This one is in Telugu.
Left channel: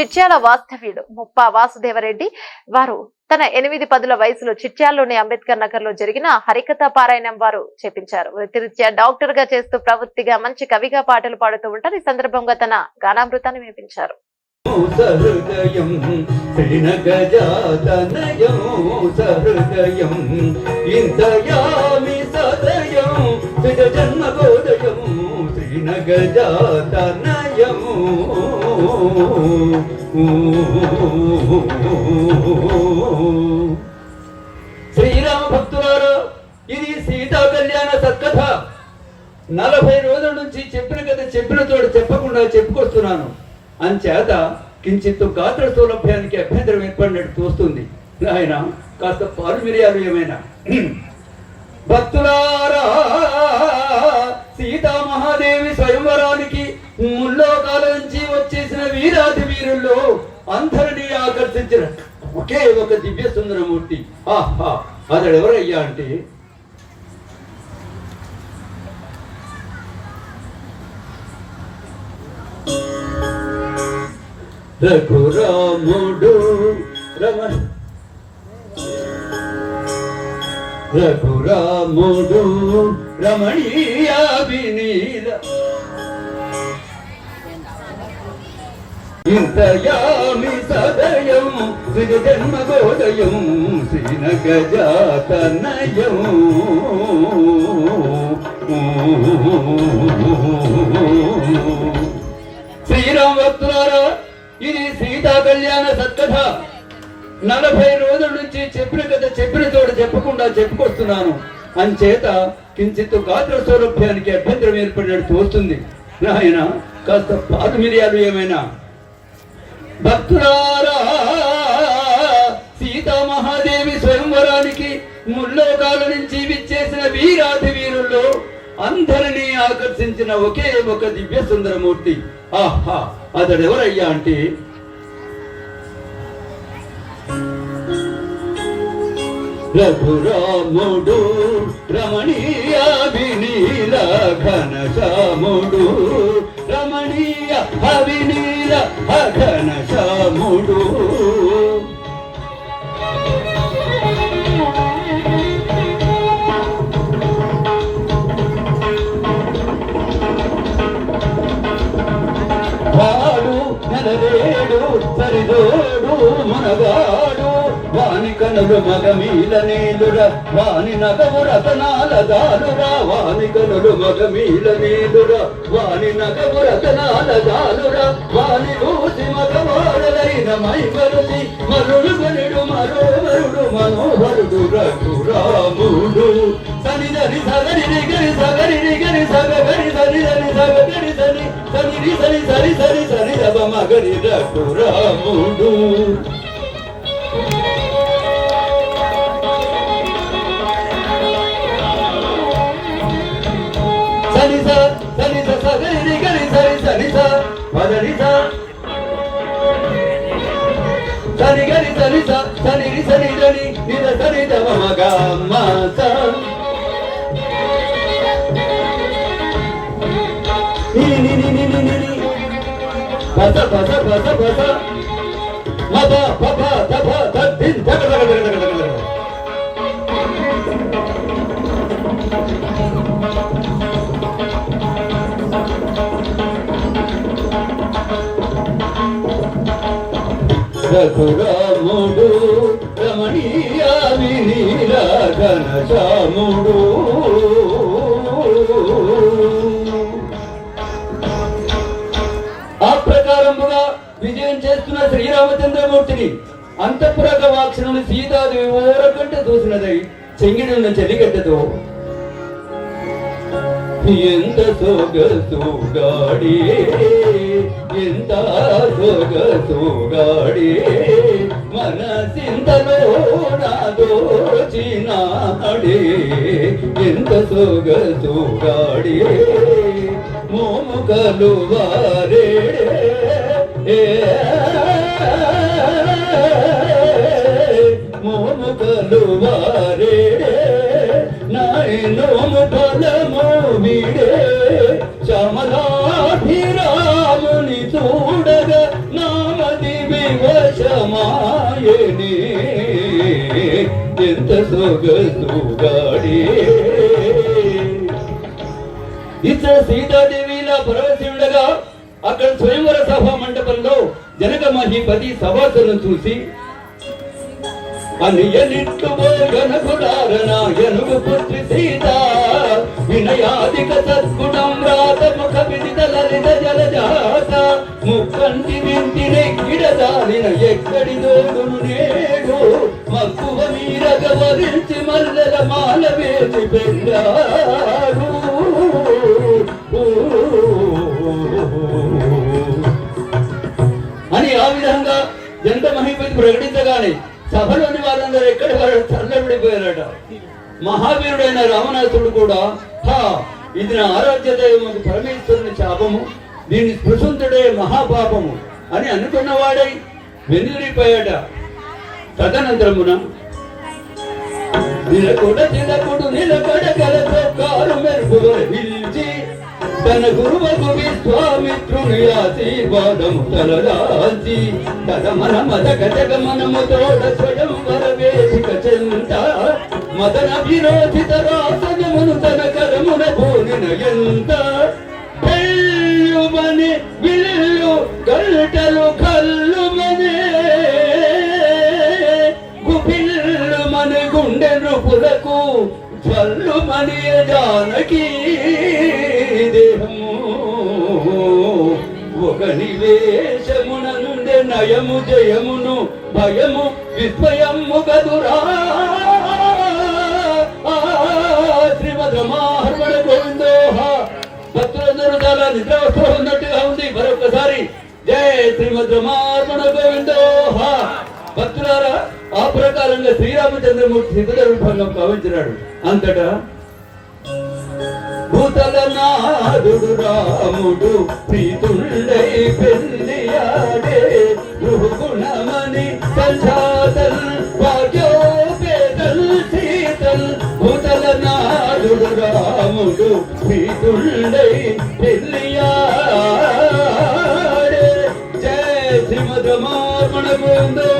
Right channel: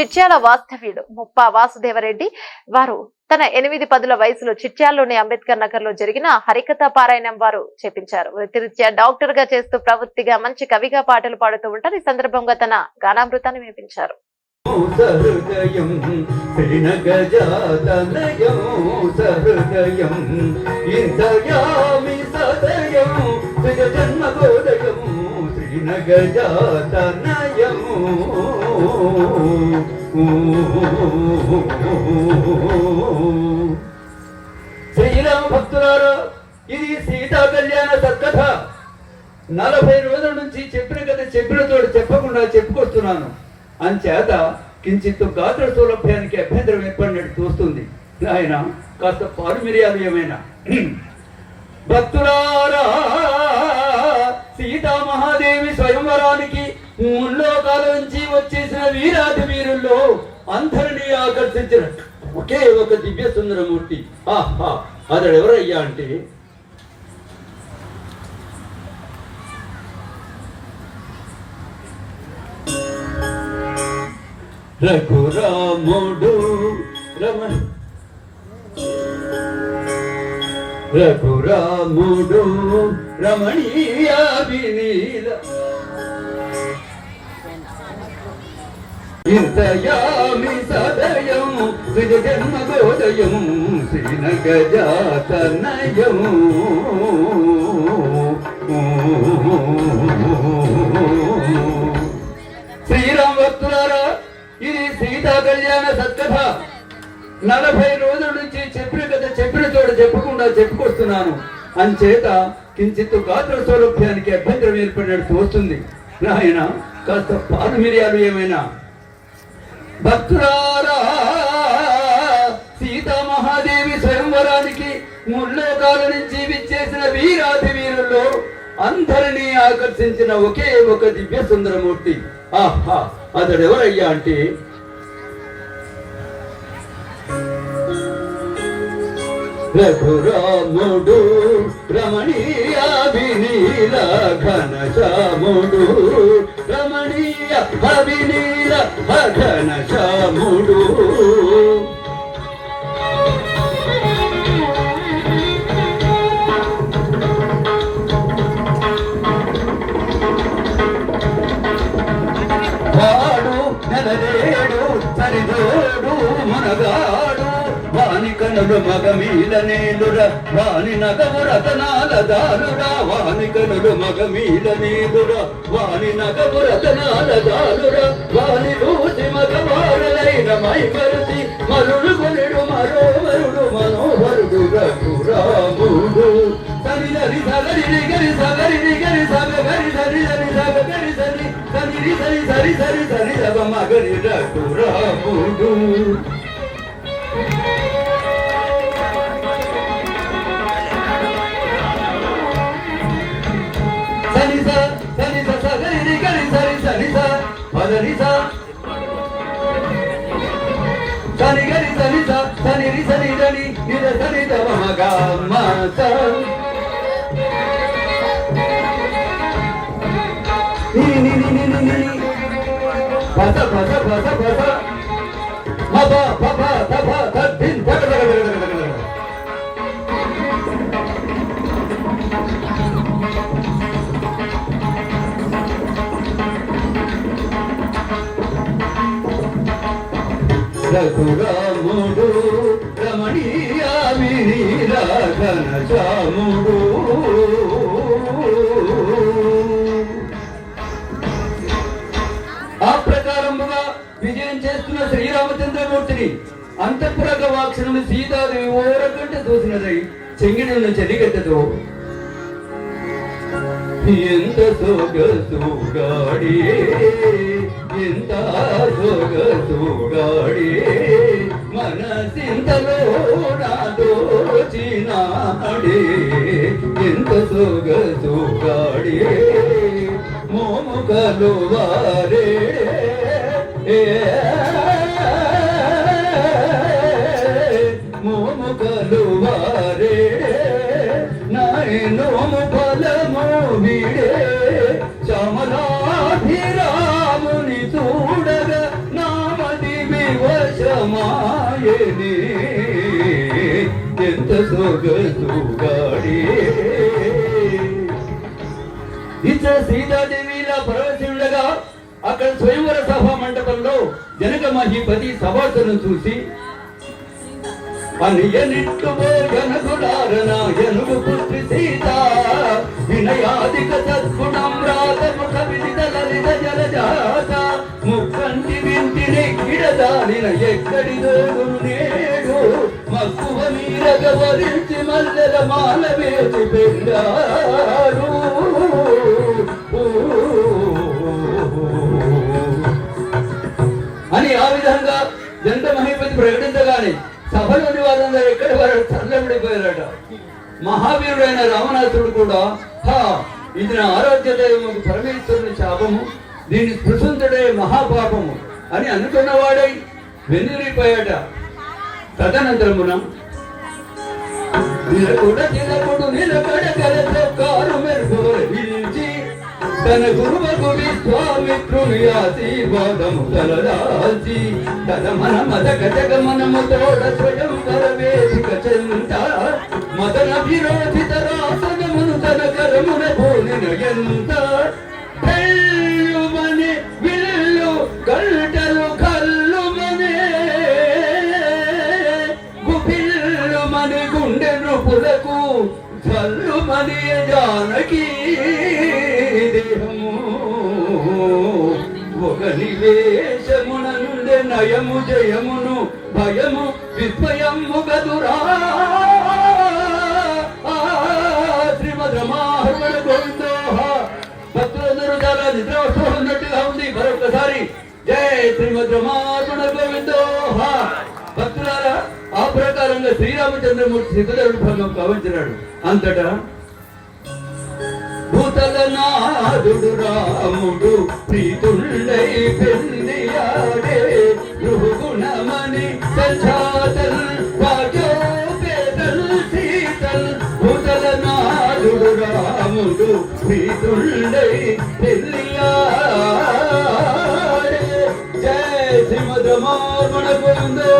చిట్యాల వాస్తవ్యుడు ముప్పా వాసుదేవరెడ్డి వారు తన ఎనిమిది పదుల వయసులో చిట్యాల్లోని అంబేద్కర్ నగర్లో జరిగిన హరికథ పారాయణం వారు చేపించారు. వృత్తిరీత్యా డాక్టర్గా చేస్తూ ప్రవృత్తిగా మంచి కవిగా పాటలు పాడుతూ ఉంటారు. ఈ సందర్భంగా తన గానామృతాన్ని వినిపించారు. శ్రీనగజాతనయము శ్రీరామ భక్తులారా ఇది సీతా కళ్యాణ సత్కథ. నలభై రోజుల నుంచి చెప్పిన కథ చెప్పిన తోడు చెప్పకుండా చెప్పుకొస్తున్నాను. అంచేత కించిత్తు గాత్ర సౌలభ్యానికి అభ్యంతరం ఏర్పడినట్టు చూస్తుంది ఆయన కాస్త పాలు మిరియాలు ఏమైనా. భక్తులారా సీతా మహాదేవి స్వయంవరానికి ముల్లోకాల నుంచి వచ్చేసిన వీరాది వీరుల్లో అందరినీ ఆకర్షించిన ఒకే ఒక దివ్య సుందరమూర్తి. ఆహా అతడు ఎవరయ్యా అంటే? రఘురాముడు రమణ రఘురాముడు రమణీయ వినీల ఇంతయామి సదయం శ్రీ శ్రీనగజాతనయం శ్రీరామ భక్తులారా ఇది సీతా కళ్యాణ సత్కథ. నలభై రోజుల నుంచి చెప్పిన కథ చెప్పిన చోట చెప్పకుండా చెప్పుకొస్తున్నాను. అంచేత కించిత్ గాత్ర సౌలభ్యానికి అభ్యంతరం ఏర్పడినట్టు తోస్తుంది. నాయన కాస్త పాలు మిరియాలు ఏమైనా? భక్తులారా సీతామహాదేవి స్వయంవరానికి ముల్లోకాల నుంచి విచ్చేసిన వీరాది వీరుల్లో అందరినీ ఆకర్షించిన ఒకే ఒక దివ్య సుందరమూర్తి. ఆహా అతడెవరయ్యా అంటే? రఘురాముడు రమణీయ వినీల ఘనశ్యాముడు. రమణీయ అఘన ఘనశ్యాముడు మగ మీద నేదురా వాణి నగము రతనాల దారురా వాని మగ మీద నేదురా వాణి నగము రతనాల దారురా వాణి చూసి మగవాడలైన మైమరుతి మరుడు కొనుడు మరోవరుడు మనోహరుడు రఘురాముడు. సరిదరి సగరి గరి సగరి గరి సగ గరి సరి సరి సగ గరి సరి సరి సరి సరి సరి సరి రవ మగరి రఘురాముడు. రి సరి గరి నిర సరి దవ మగ మ స ని ని ని ని ని ని పద పద పద పద మద పద ఆ ప్రకారముగా విజయం చేస్తున్న శ్రీరామచంద్రమూర్తిని అంతఃపురక వాక్షణని సీతాదేవి ఓరకంట చూసినదై చెంగిడున్న చెలిగడ్డతో ఎంత సొగసుగాడి ఎంత సొగసుగాడి మనసింతలో నాదోచినాడే ఎంత సొగసుగాడి మోముకలు వారే. మోముకలు వారే. నాయనోము ఫలము వీడే. చమలాభిరాముని చూడగ నామది వివశమాయనే ఎంత సొగసుగాడే ఇతర సీతాదేవిలా పరవశి అక్కడ స్వయంవర సభా మండపంలో జనక మహిపతి సభాసను చూసి అనియనిట్టుబోయనకుడారనాయనుడు పుత్రి సీత వినయాధిక సద్గుణం రాత ముఖ విదిత లలిత జలజాత ముక్కంటి వింటిని గిడదానిన ఎక్కడి దోగును మీరగ వరించి మల్లెల మాల వేసి పెట్టారు అని ఆ విధంగా ఎంత మహిపతి ప్రకటించగానే సభలోని వారందరూ ఎక్కడి వారు? చల్లబడిపోయారట మహావీరుడైన రామనాథుడు కూడా హా ఇది నా ఆరాధ్య దైవము పరమేశ్వరుని శాపము దీన్ని స్పృశంతుడే మహాపాపము అని అనుకున్నవాడై వెన్నిరిపోయాట తదనంతరమున నిలకుడ నిలకుడు నిలకడ కలతో కారు తన గురువకు విశ్వామిత్రుని ఆశీర్వాదము తలదాల్చి తన మన మదక జగమనము తోడ స్వయం కరవేదిక చెంత. మదన విరోధిత రాసనమును తన కరమున పోలిన ఎంత జానకి దేహము. ఒక నివేశమున నయము జయమును భయము విస్మయము గదురా శ్రీమద్ రమాహరణ గోవిందో. భక్తులందరూ చాలా నిద్రావస్థ ఉన్నట్టుగా ఉంది. మరొకసారి జయ శ్రీమద్ రమారమణ గోవిందో. భక్తులారా ఆ ప్రకారంగా శ్రీరామచంద్రమూర్తి సిద్ధుల రూపంలో భావించినాడు అంతటా భూతల నాదుడు రాముడు ప్రీతుళ్ళై పెళ్ళియాడే గుణమని సంఛాతల్ పేదల్ సీతల్ భూతల నాదుడు రాముడు ప్రీతుళ్ళై పెళ్ళియాడే జయ శ్రీమద్ రమారమణ గోవిందో.